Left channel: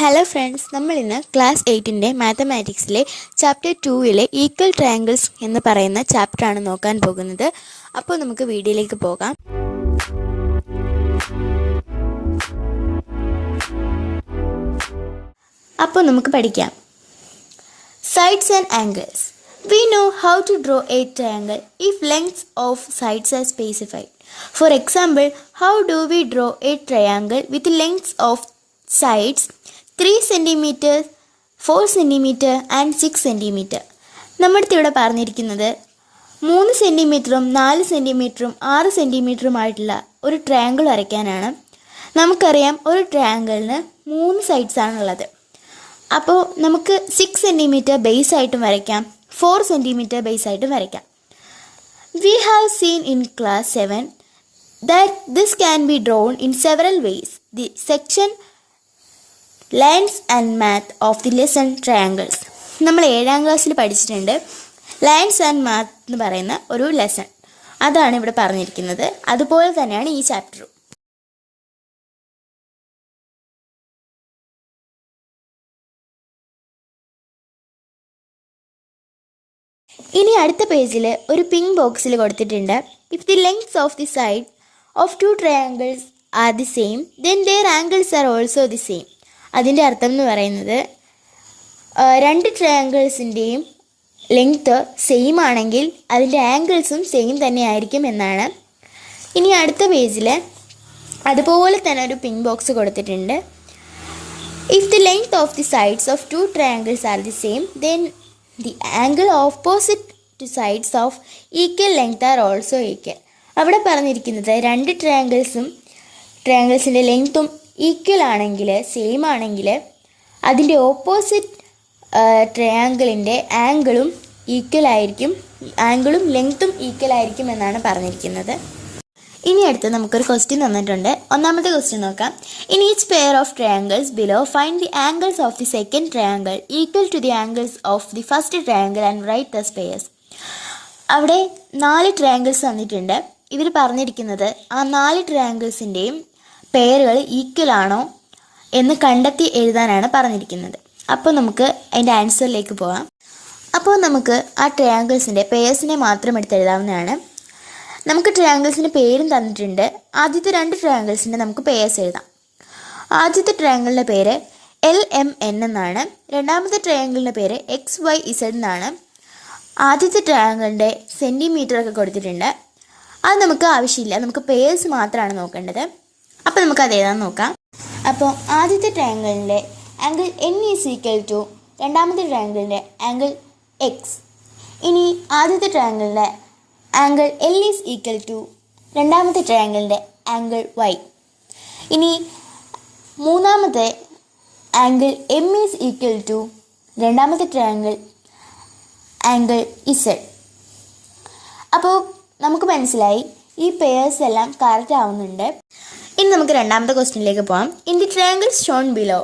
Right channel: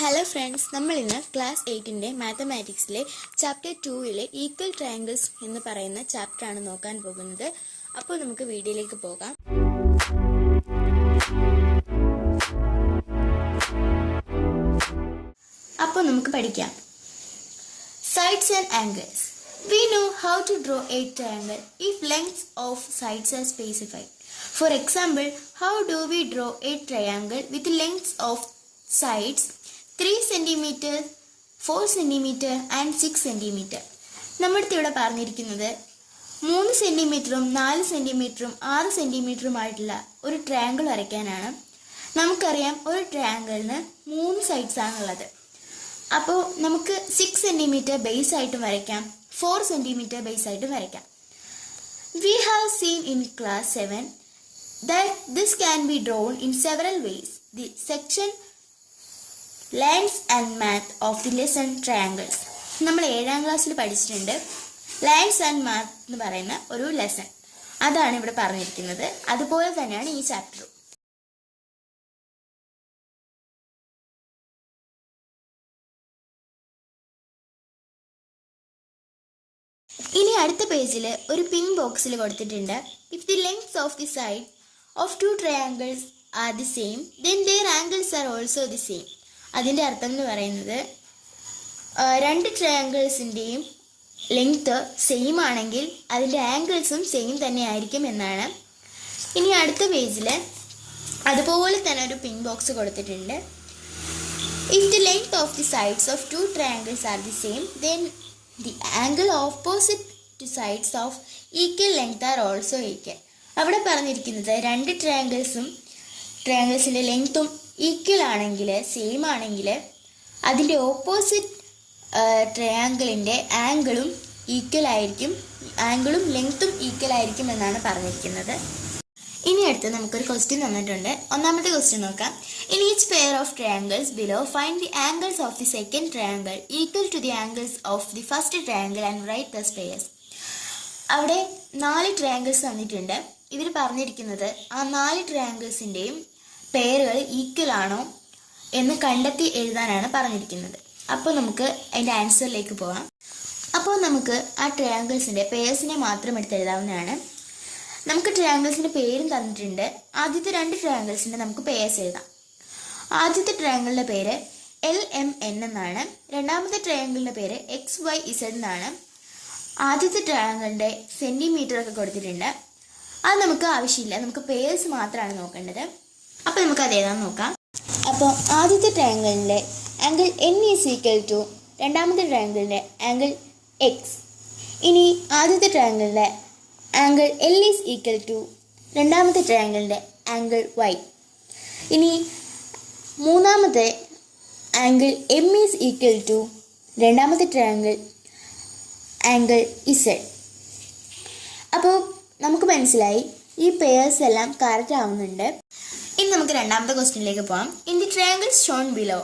Hello friends, നമ്മൾ ഇന്ന് class 8ൻ്റെ മാത്തമാറ്റിക്സിലെ chapter 2 equal triangles എന്ന് പറയുന്ന ചാപ്റ്ററാണ് നോക്കാൻ പോകുന്നത്. അപ്പോൾ നമുക്ക് വീഡിയോയിലേക്ക് പോകാം. അപ്പോൾ നമുക്ക് പഠിക്കാം. Sides and angles. We know how to draw a triangle if lengths of sides are specified. For example, how do we draw a triangle with lengths of sides 3 cm, 4 cm and 6 cm? നമ്മുടെ ഇവിടെ പറഞ്ഞിരിക്കുന്നത് 3 സെൻറ്റിമീറ്ററും 4 സെൻറ്റിമീറ്ററും 6 സെൻറ്റിമീറ്ററുമായിട്ടുള്ള ഒരു triangle വരയ്ക്കാനാണ്. നമുക്കറിയാം ഒരു ട്രയാങ്കിളിന് 3 sides ആണുള്ളത്. അപ്പോൾ നമുക്ക് 6 centimetre base ആയിട്ടും വരയ്ക്കാം, 4 സെൻറ്റിമീറ്റർ ബേസ് ആയിട്ടും വരയ്ക്കാം. We have seen in class 7 that this can be drawn in several ways. The section lines and math of the lesson triangles. നമ്മൾ 7ാം ക്ലാസ്സിൽ പഠിച്ചിട്ടുണ്ട് ലൈൻസ് ആൻഡ് മാത്ത് എന്ന് പറയുന്ന ഒരു ലെസൺ. അതാണ് ഇവിടെ പറഞ്ഞിരിക്കുന്നത്. അതുപോലെ തന്നെയാണ് ഈ ചാപ്റ്ററും. ഇനി അടുത്ത പേജിൽ ഒരു പിങ്ക് ബോക്സിൽ കൊടുത്തിട്ടുണ്ട്. If the lengths of the side of 2 triangles are the same then their angles are also the same. അതിൻ്റെ അർത്ഥം എന്ന് പറയുന്നത് 2 ട്രയാങ്കിൾസിൻ്റെയും ലെങ്ത്ത് സെയിം ആണെങ്കിൽ അതിൻ്റെ ആംഗിൾസും സെയിം തന്നെ ആയിരിക്കും എന്നാണ്. ഇനി അടുത്ത പേജിൽ അതുപോലെ തന്നെ ഒരു പിങ്ക് ബോക്സ് കൊടുത്തിട്ടുണ്ട്. If the length of the sides of 2 triangles are the same then the angle opposite to sides of equal length are also equal. അവിടെ പറഞ്ഞിരിക്കുന്നത് 2 ട്രയാങ്കിൾസിൻ്റെ ലെങ്ത്തും ഈക്വൽ ആണെങ്കിൽ, സെയിം ആണെങ്കിൽ അതിൻ്റെ ഓപ്പോസിറ്റ് ട്രയാങ്കിളിൻ്റെ ആംഗിളും ഈക്വൽ ആയിരിക്കും, ആംഗിളും ലെങ്ത്തും ഈക്വൽ ആയിരിക്കും എന്നാണ് പറഞ്ഞിരിക്കുന്നത്. ഇനി അടുത്ത് നമുക്കൊരു ക്വസ്റ്റ്യൻ തന്നിട്ടുണ്ട്. ഒന്നാമത്തെ ക്വസ്റ്റ്യൻ നോക്കാം. In each pair of triangles below find the angles of the second triangle equal to the angles of the first triangle and write the pairs. അവിടെ 4 ട്രയാങ്കിൾസ് തന്നിട്ടുണ്ട്. ഇവർ പറഞ്ഞിരിക്കുന്നത് ആ 4 ട്രയാങ്കിൾസിൻ്റെയും പെയറുകൾ ഈക്വൽ ആണോ എന്ന് കണ്ടെത്തി എഴുതാനാണ് പറഞ്ഞിരിക്കുന്നത്. അപ്പോൾ നമുക്ക് അതിൻ്റെ ആൻസറിലേക്ക് പോകാം. അപ്പോൾ നമുക്ക് ആ ട്രയാങ്കിൾസിൻ്റെ പെയർസിനെ മാത്രം എടുത്ത് എഴുതാവുന്നതാണ്. നമുക്ക് ട്രയാങ്കിൾസിൻ്റെ പേരും തന്നിട്ടുണ്ട്. ആദ്യത്തെ 2 ട്രയാങ്കിൾസിൻ്റെ നമുക്ക് പേഴ്സ് എഴുതാം. ആദ്യത്തെ ട്രയാങ്കിളിൻ്റെ പേര് LMN എന്നാണ്. രണ്ടാമത്തെ ട്രയാങ്കിളിൻ്റെ പേര് XYZ എന്നാണ്. ആദ്യത്തെ ട്രയാങ്കിളിൻ്റെ സെൻറ്റിമീറ്റർ ഒക്കെ കൊടുത്തിട്ടുണ്ട്. അത് നമുക്ക് ആവശ്യമില്ല, നമുക്ക് പേഴ്സ് മാത്രമാണ് നോക്കേണ്ടത്. അപ്പോൾ നമുക്ക് അത് എഴുതാൻ നോക്കാം. അപ്പോൾ ആദ്യത്തെ ട്രയാങ്കിളിൻ്റെ angle N is equal to രണ്ടാമത്തെ ട്രയാങ്കിളിൻ്റെ ആംഗിൾ X. ഇനി ആദ്യത്തെ ട്രയാങ്കിളിൻ്റെ angle L is equal to രണ്ടാമത്തെ ട്രയാങ്കിളിൻ്റെ ആംഗിൾ Y. ഇനി മൂന്നാമത്തെ angle M is equal to രണ്ടാമത്തെ ട്രയാങ്കിൾ ആംഗിൾ Z. അപ്പോൾ നമുക്ക് മനസ്സിലായി ഈ പെയർസ് എല്ലാം കറക്റ്റ് ആവുന്നുണ്ട്. ഇനി നമുക്ക് രണ്ടാമത്തെ ക്വസ്റ്റ്യനിലേക്ക് പോകാം. In the triangles shown below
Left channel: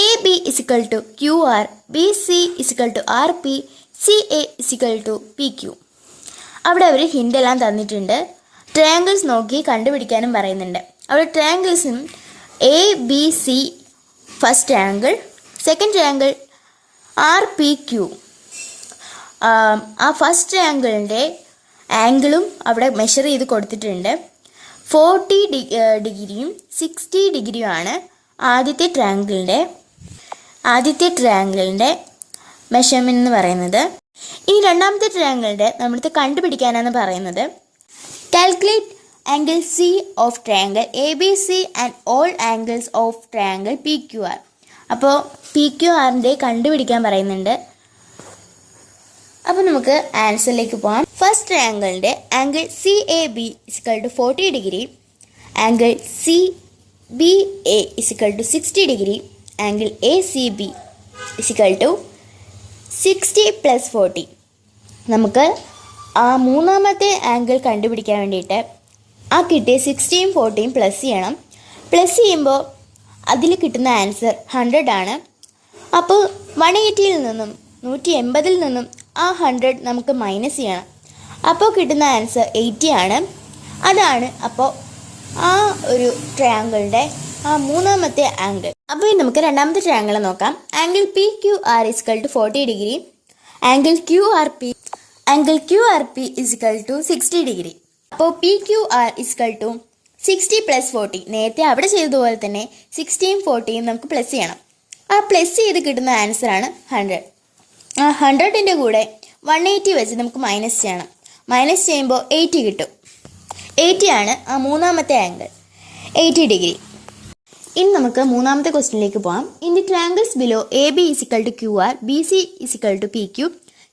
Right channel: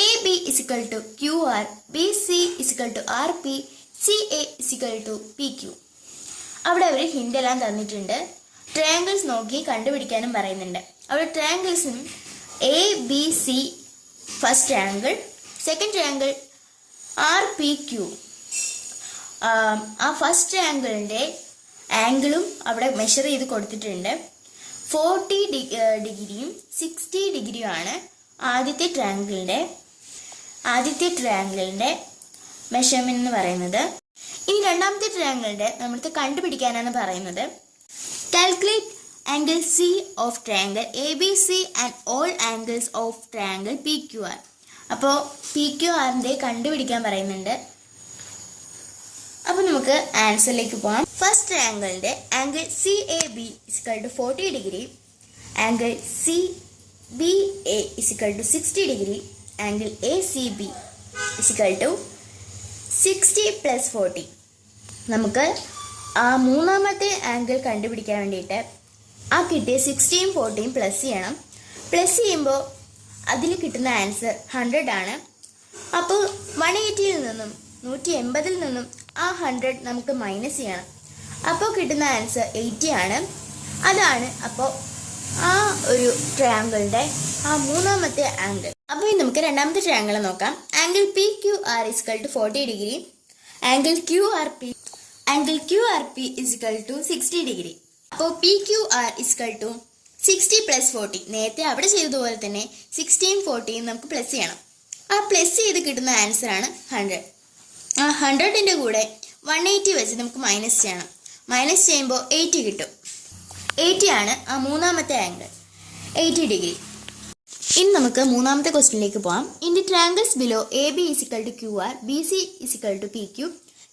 AB is equal to QR, BC is equal to RP, CA is equal to PQ. അവിടെ അവർ ഹിൻ്റ് എല്ലാം തന്നിട്ടുണ്ട്. ട്രയാങ്കിൾസ് നോക്കി കണ്ടുപിടിക്കാനും പറയുന്നുണ്ട്. അവിടെ ട്രയാങ്കിൾസും ABC first triangle, second triangle RPQ. ആ ഫസ്റ്റ് ട്രയാങ്കിളിൻ്റെ ആംഗിളും അവിടെ മെഷർ ചെയ്ത് കൊടുത്തിട്ടുണ്ട്. 40 ഡിഗ്രിയും 60 ഡിഗ്രിയുമാണ് ആദ്യത്തെ ട്രയാങ്കിളിൻ്റെ മെഷർമെൻറ്റ് എന്ന് പറയുന്നത്. ഇനി രണ്ടാമത്തെ ട്രയാങ്കിളിൻ്റെ നമ്മൾക്ക് കണ്ടുപിടിക്കാനാണ് പറയുന്നത്. Calculate angle C of triangle ABC and all angles of triangle PQR. അപ്പോൾ PQRൻ്റെ കണ്ടുപിടിക്കാൻ പറയുന്നുണ്ട്. അപ്പോൾ നമുക്ക് ആൻസറിലേക്ക് പോകാം. ഫസ്റ്റ് ട്രയാങ്കിളിൻ്റെ angle CAB is equal to 40 degree, angle CBA is equal to 60 degree, angle ACB is equal to 60 + 40. നമുക്ക് ആ മൂന്നാമത്തെ ആംഗിൾ കണ്ടുപിടിക്കാൻ വേണ്ടിയിട്ട് ആ കിട്ടിയ 60യും 40യും പ്ലസ് ചെയ്യണം. പ്ലസ് ചെയ്യുമ്പോൾ അതിൽ കിട്ടുന്ന ആൻസർ 100 ആണ്. അപ്പോൾ 180ൽ നിന്നും 180ൽ നിന്നും ആ 100 നമുക്ക് മൈനസ് ചെയ്യണം. അപ്പോൾ കിട്ടുന്ന ആൻസർ 80 ആണ്. അതാണ് അപ്പോൾ ആ ഒരു ട്രയാങ്കിളിൻ്റെ ആ മൂന്നാമത്തെ ആംഗിൾ. അപ്പോൾ ഇനി നമുക്ക് രണ്ടാമത്തെ ട്രയാങ്കിൾ നോക്കാം. Angle P Q R is equal to 40 degree, angle Q R P is equal to 60 degree. അപ്പോൾ P Q R is equal to 60 plus 40. നേരത്തെ അവിടെ ചെയ്തതുപോലെ തന്നെ 60യും 40യും നമുക്ക് പ്ലസ് ചെയ്യണം. ആ പ്ലസ് ചെയ്ത് കിട്ടുന്ന ആൻസർ ആണ് 100. ആ 100ൻ്റെ കൂടെ 180 വെച്ച് നമുക്ക് മൈനസ് ചെയ്യണം. മൈനസ് ചെയ്യുമ്പോൾ 80 കിട്ടും. 80 ആണ് ആ മൂന്നാമത്തെ ആംഗിൾ, 80 ഡിഗ്രി. ഇനി നമുക്ക് മൂന്നാമത്തെ ക്വസ്റ്റ്യനിലേക്ക് പോകാം. In the triangles below A B is equal to Q R, B C is equal to P Q,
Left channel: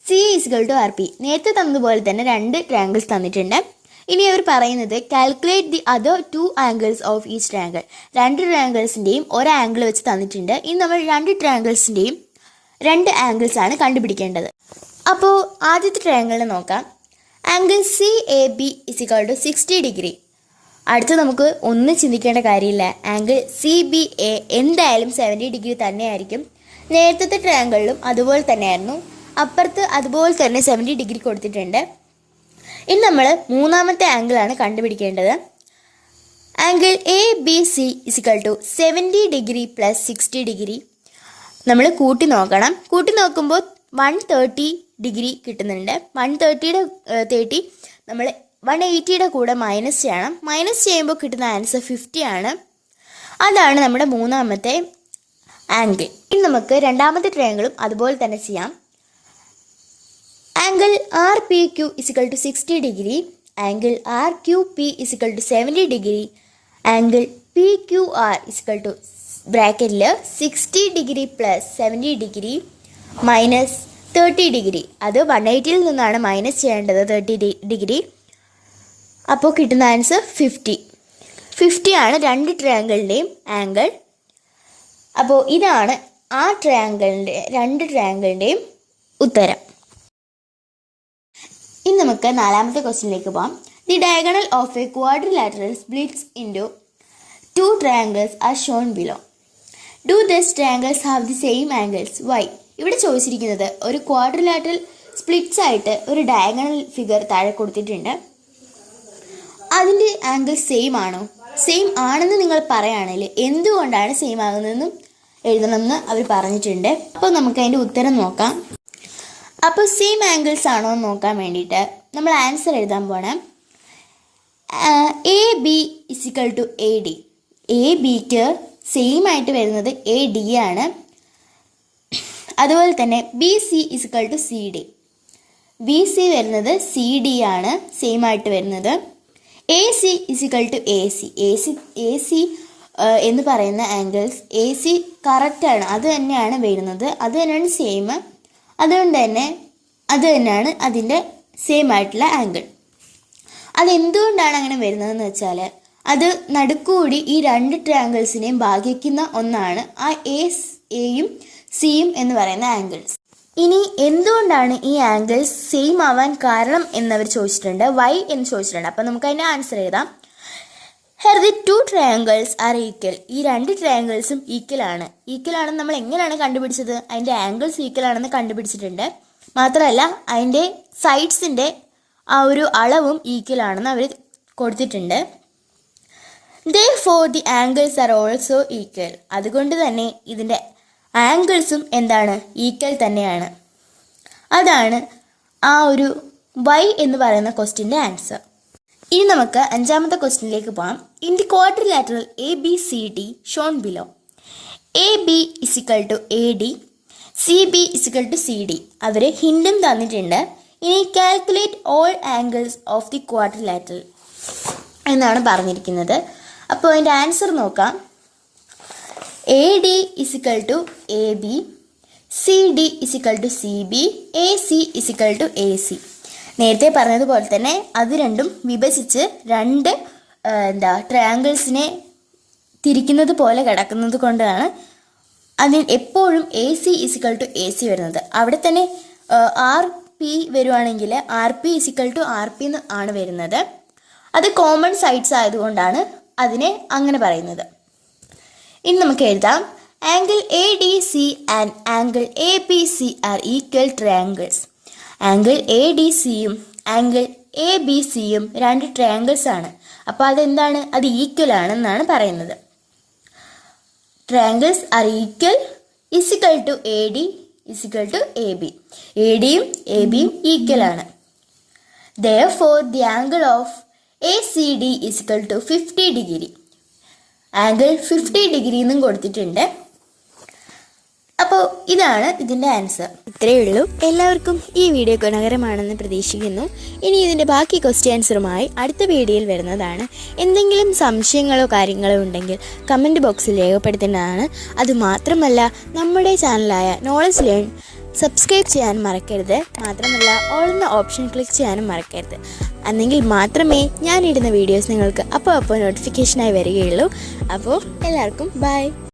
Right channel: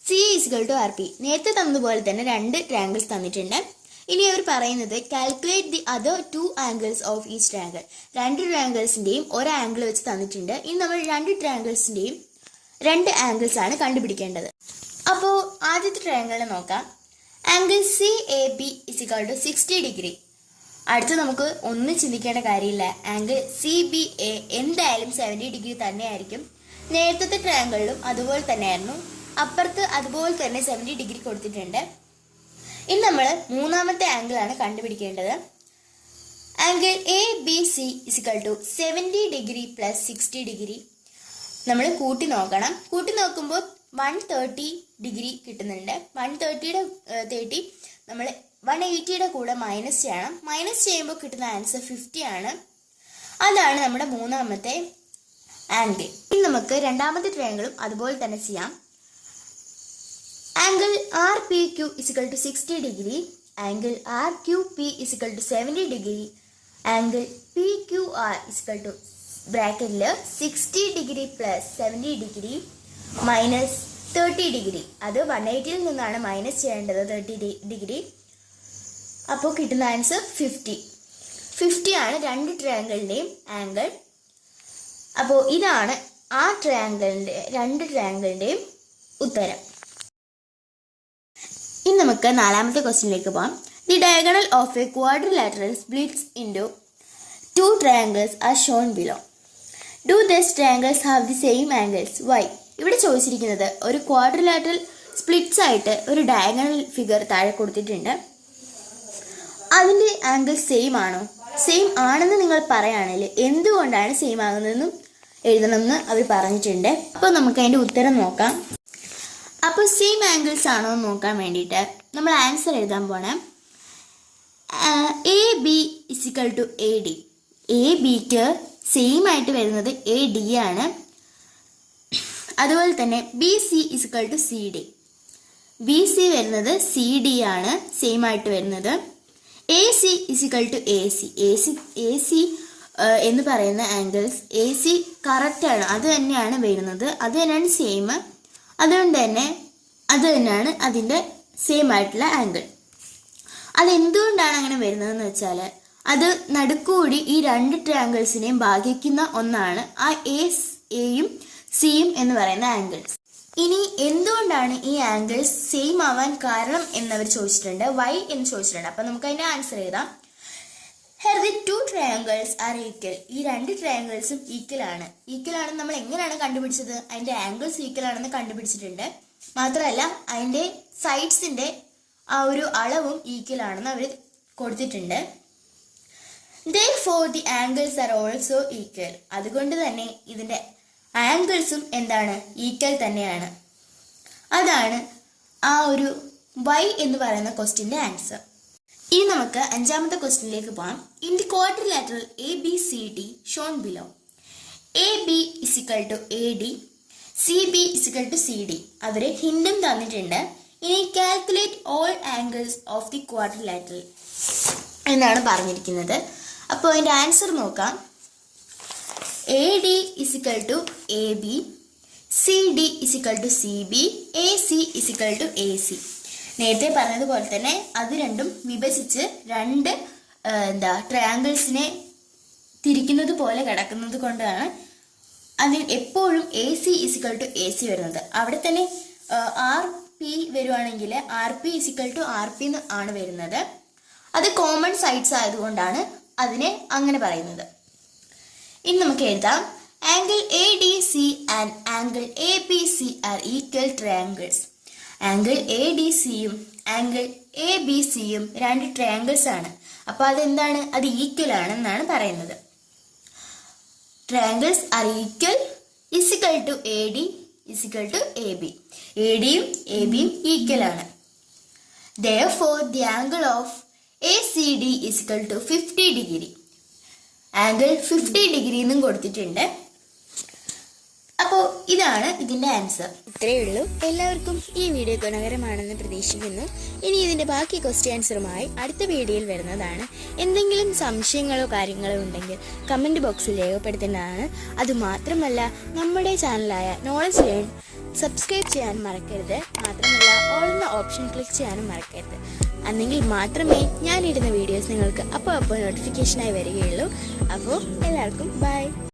C is equal to R P. നേരത്തെ തന്നതുപോലെ തന്നെ 2 ട്രയാങ്കിൾസ് തന്നിട്ടുണ്ട്. ഇനി അവർ പറയുന്നത് calculate the other 2 angles of each triangle. 2 ട്രയാങ്കിൾസിൻ്റെയും ഒരു ആംഗിൾ വെച്ച് തന്നിട്ടുണ്ട്. ഇനി നമ്മൾ 2 ട്രയാങ്കിൾസിൻ്റെയും 2 ആംഗിൾസ് ആണ് കണ്ടുപിടിക്കേണ്ടത്. അപ്പോൾ ആദ്യത്തെ ട്രയാങ്കിളിനെ നോക്കാം. Angle C A B is equal to 60 degree. അടുത്ത് നമുക്ക് ഒന്നും ചിന്തിക്കേണ്ട കാര്യമില്ല. ആംഗിൾ സി ബി എ എന്തായാലും 70 ഡിഗ്രി തന്നെയായിരിക്കും. നേരത്തെ ട്രയാങ്കിളിലും അതുപോലെ തന്നെയായിരുന്നു. അപ്പുറത്ത് അതുപോലെ തന്നെ 70 ഡിഗ്രി കൊടുത്തിട്ടുണ്ട്. ഇനി നമ്മൾ മൂന്നാമത്തെ ആംഗിളാണ് കണ്ടുപിടിക്കേണ്ടത്. Angle A B C is equal to 70 degree plus 60 degree. നമ്മൾ കൂട്ടി നോക്കണം. കൂട്ടി നോക്കുമ്പോൾ 130 ഡിഗ്രി കിട്ടുന്നുണ്ട്. 130 നമ്മൾ 180യുടെ കൂടെ മൈനസ് ചെയ്യണം. മൈനസ് ചെയ്യുമ്പോൾ കിട്ടുന്ന ആൻസർ 50 ആണ്. അതാണ് നമ്മുടെ മൂന്നാമത്തെ ആംഗിൾ. ഇനി നമുക്ക് രണ്ടാമത്തെ ട്രയാങ്കിളും അതുപോലെ തന്നെ ചെയ്യാം. Angle R P Q is equal to 60 degree, angle R Q P is equal to 70 degree, angle P Q R is equal to ബ്രാക്കറ്റിൽ 60 degree plus 70 degree minus 30 degree. അത് 180യിൽ നിന്നാണ് മൈനസ് ചെയ്യേണ്ടത് 30 ഡിഗ്രി. അപ്പോൾ കിട്ടുന്ന ആൻസർ 50 ആണ് 2 ട്രയാങ്കിളിൻ്റെയും ആംഗിൾ. അപ്പോൾ ഇതാണ് ആ 2 ട്രയാങ്കിളിൻ്റെയും ഉത്തരം. ഇനി നമുക്ക് നാലാമത്തെ ക്വസ്റ്റ്യനിലേക്ക് പോകാം. The diagonal of a quadrilateral splits into 2 triangles are shown below. Do this triangles have the same angles? Why? ഇവിടെ ചോദിച്ചിരിക്കുന്നത് ഒരു ക്വാഡ്രിലാറ്ററൽ സ്പ്ലിറ്റ്സ് ആയിട്ട് ഒരു ഡയഗണൽ ഫിഗർ താഴെ കൊടുത്തിട്ടുണ്ട്. അതിൻ്റെ ആംഗിൾ സെയിം ആണോ? സെയിം ആണെന്ന് നിങ്ങൾ പറയുകയാണെങ്കിൽ എന്തുകൊണ്ടാണ് സെയിം ആകുന്നതെന്നും എഴുതണമെന്ന് അവർ പറഞ്ഞിട്ടുണ്ട്. അപ്പോൾ നമുക്ക് അതിൻ്റെ ഉത്തരം നോക്കാം. അപ്പോൾ സെയിം ആംഗിൾസ് ആണോ എന്ന് നോക്കാൻ വേണ്ടിയിട്ട് നമ്മൾ ആൻസർ എഴുതാൻ പോകണം. A B is equal to A D. A ബിക്ക് സെയിം ആയിട്ട് വരുന്നത് എ ഡി ആണ്. അതുപോലെ തന്നെ B C is equal to C D. B C വരുന്നത് സി ഡി ആണ് സെയിം ആയിട്ട് വരുന്നത്. A C is equal to A C. A C എന്ന് പറയുന്ന ആംഗിൾസ് എ സി കറക്റ്റാണ്, അത് തന്നെയാണ് വരുന്നത്, അത് തന്നെയാണ് സെയിം. അതുകൊണ്ട് തന്നെ അത് തന്നെയാണ് അതിൻ്റെ സെയിം ആയിട്ടുള്ള ആംഗിൾ. അതെന്തുകൊണ്ടാണ് അങ്ങനെ വരുന്നതെന്ന് വെച്ചാൽ അത് നടുക്കുകൂടി ഈ 2 ട്രയാങ്കിൾസിനെയും ഭാഗിക്കുന്ന ഒന്നാണ് ആ എയും സിയും എന്ന് പറയുന്ന ആംഗിൾസ്. ഇനി എന്തുകൊണ്ടാണ് ഈ ആംഗിൾസ് സെയിം ആവാൻ കാരണം എന്നവർ ചോദിച്ചിട്ടുണ്ട്. വൈ എന്ന് ചോദിച്ചിട്ടുണ്ട്. അപ്പം നമുക്ക് അതിൻ്റെ ആൻസർ എഴുതാം. Her the 2 triangles are equal. ഈ 2 ട്രയാങ്കിൾസും ഈക്വൽ ആണ്. ഈക്വൽ ആണെന്ന് നമ്മൾ എങ്ങനെയാണ് കണ്ടുപിടിച്ചത്? അതിൻ്റെ ആംഗിൾസ് ഈക്വൽ ആണെന്ന് കണ്ടുപിടിച്ചിട്ടുണ്ട്. മാത്രമല്ല അതിൻ്റെ സൈഡ്സിൻ്റെ ആ ഒരു അളവും ഈക്വൽ ആണെന്ന് അവർ കൊടുത്തിട്ടുണ്ട്. Therefore the angles are also equal. അതുകൊണ്ട് തന്നെ ഇതിൻ്റെ ആംഗിൾസും എന്താണ്? ഈക്വൽ തന്നെയാണ്. അതാണ് ആ ഒരു വൈ എന്ന് പറയുന്ന ക്വസ്റ്റ്യൻ്റെ ആൻസർ. ഇനി നമുക്ക് അഞ്ചാമത്തെ ക്വസ്റ്റ്യനിലേക്ക് പോകാം. In the quadrilateral A B C D shown below, A B is equal to A D, C B is equal to C D. അവർ ഹിൻഡും തന്നിട്ടുണ്ട്. ഇനി calculate all angles of the quadrilateral എന്നാണ് പറഞ്ഞിരിക്കുന്നത്. അപ്പോൾ അതിൻ്റെ ആൻസർ നോക്കാം. A D is equal to A B, C D is equal to C B, A C is equal to A C. നേരത്തെ പറഞ്ഞതുപോലെ തന്നെ അത് രണ്ടും വിഭജിച്ച് 2 ട്രയാങ്കിൾസിനെ തിരിക്കുന്നത് പോലെ കിടക്കുന്നത് കൊണ്ടാണ് അതിൽ എപ്പോഴും A C is equal to A C വരുന്നത്. അവിടെ തന്നെ ആർ പി വരുവാണെങ്കിൽ R P is equal to R P ആണ് വരുന്നത്. അത് കോമൺ സൈഡ്സ് ആയതുകൊണ്ടാണ് അതിനെ അങ്ങനെ പറയുന്നത്. ഇനി നമുക്ക് എഴുതാം. Angle A D C and angle A B C are equal triangles. Angle A D സിയും ആംഗിൾ എ ബി സിയും 2 ട്രയാങ്കിൾസ് ആണ്. അപ്പോൾ അതെന്താണ്? അത് ഈക്വൽ ആണെന്നാണ് പറയുന്നത്. Triangles are equal is equal to A D is equal to A B. A ഡിയും A ബിയും ഈക്വൽ ആണ്. Therefore, the angle of ACD is equal to 50 degree. Angle 50 degree എന്നും കൊടുത്തിട്ടുണ്ട്. അപ്പോൾ ഇതാണ് ഇതിൻ്റെ ആൻസർ. ഇത്രയേ ഉള്ളൂ. എല്ലാവർക്കും ഈ വീഡിയോ ഗുണകരമാണെന്ന് പ്രതീക്ഷിക്കുന്നു. ഇനി ഇതിൻ്റെ ബാക്കി ക്വസ്റ്റ്യൻ ആൻസറുമായി അടുത്ത വീഡിയോയിൽ വരുന്നതാണ്. എന്തെങ്കിലും സംശയങ്ങളോ കാര്യങ്ങളോ ഉണ്ടെങ്കിൽ കമൻറ്റ് ബോക്സിൽ രേഖപ്പെടുത്തേണ്ടതാണ്. അതുമാത്രമല്ല നമ്മുടെ ചാനലായ നോളജ് ലേൺ സബ്സ്ക്രൈബ് ചെയ്യാൻ മറക്കരുത്. മാത്രമല്ല ഓൾ എന്ന ഓപ്ഷൻ ക്ലിക്ക് ചെയ്യാനും മറക്കരുത്. എന്നെങ്കിൽ മാത്രമേ ഞാനിടുന്ന വീഡിയോസ് നിങ്ങൾക്ക് അപ്പോൾ നോട്ടിഫിക്കേഷനായി വരികയുള്ളൂ. അപ്പോൾ എല്ലാവർക്കും ബൈ.